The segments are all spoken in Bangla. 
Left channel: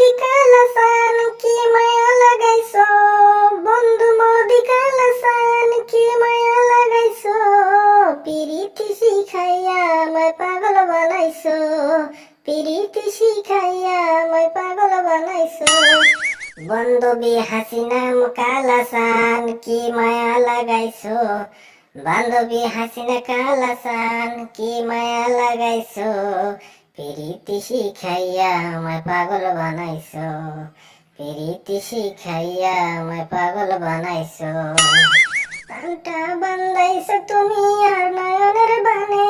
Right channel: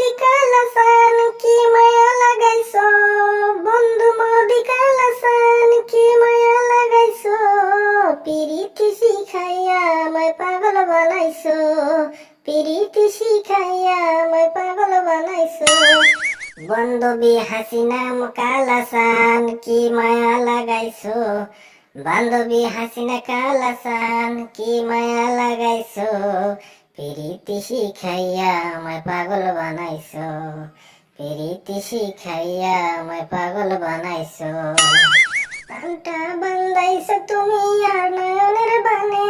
মোদি কি মায়া লাগাইছো? বন্ধু মোদি কি মায়া লাগাইছো? পিরিতি শিখাইয়া আমায় পাগল বানাইছো। পিরিতি শিখাইয়া আমায় পাগল বানাইছো। বান্ধবী হাসিনাম কালাসান কি মায়া লাগাইছো? বান্ধবী হাসিনা কালাসান কি মায়া লাগাইছো? প্রীতি শিখাইয়া আমায় পাগল বানাইছো। প্রীতি শিখাইয়া আমায় পাগল বানাইছো। প্রাণটা বান্দাইছো তুমি আর নয়নের বানে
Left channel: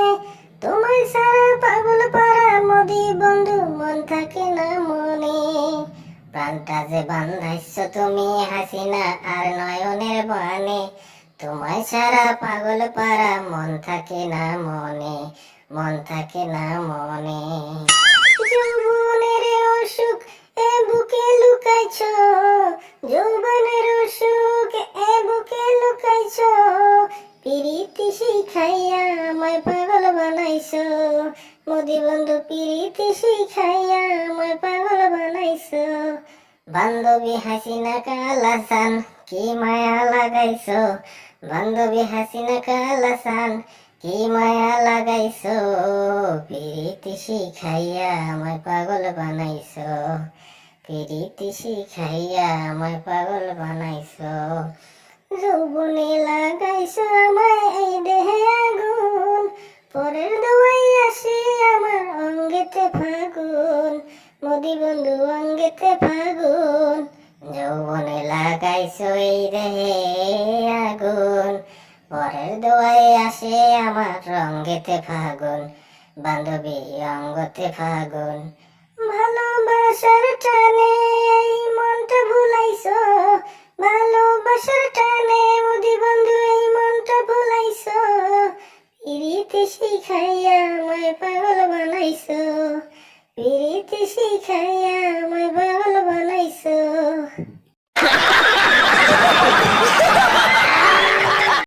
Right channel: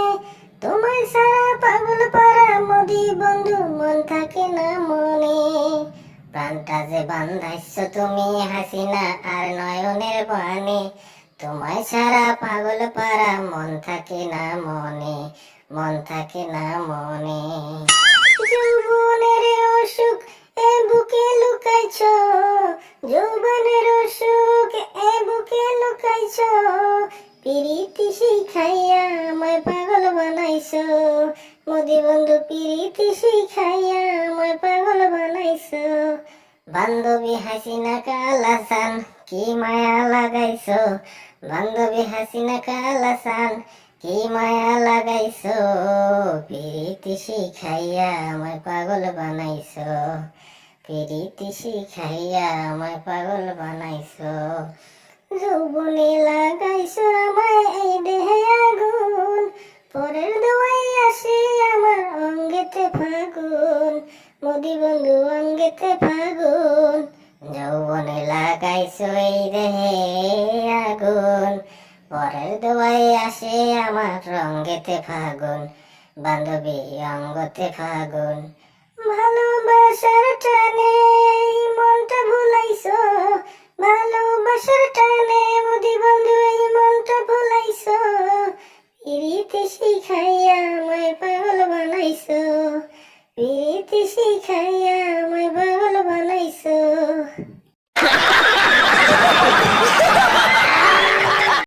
তোমায় সারা পাগল পারা মোদি বন্ধু মন থাকে না মনে। প্রাণটা যে বান্ধাইছো তুমি হাসিনা আর নয়নের বানে তোমায় সারা পাগল পারা মন থাকে না মনে। মন থাকে না মনে। যৌবনের অসুখ এ বুকে লুকাইছ। যৌবনের অসুখ এ বুকে লুকাইছ। পিরিতি শিখাইয়া আমায় পাগল বানাইছ। মোদি বন্ধু, পিরিতি শিখাইয়া আমায় পাগল বানাইছ। বান্ধবী হাসিনা কালাসান কি মায়া লাগাইছ? বান্ধবী হাসিনা কালাসান কি মায়া লাগাইছো? প্রীতি শিখাইয়া আমায় পাগল বানাইছো। প্রীতি শিখাইয়া আমায় পাগল বানাইছো। যৌবনে লাগাইছো আমায় এই দেহে আগুন। পরের দোয়াই আসে আমার অঙ্গেতে ফাগুন। মোদি বন্ধু অঙ্গেতে ফাগুন। যৌবনে লাগাইছো এই দেহে আগুন। পরের দোয়াই আসে আমার রঙ্গেতে ফাগুন, বান্ধবী অঙ্গতে ফাগুন। ভালোবাসার টানে মনটা ভুলাইছো, ভালোবাসার টানে মোদি বন্ধু এই মনটা ভুলাইছো। পিরিতি শিখাইয়া আমায় পাগল বানাইছো।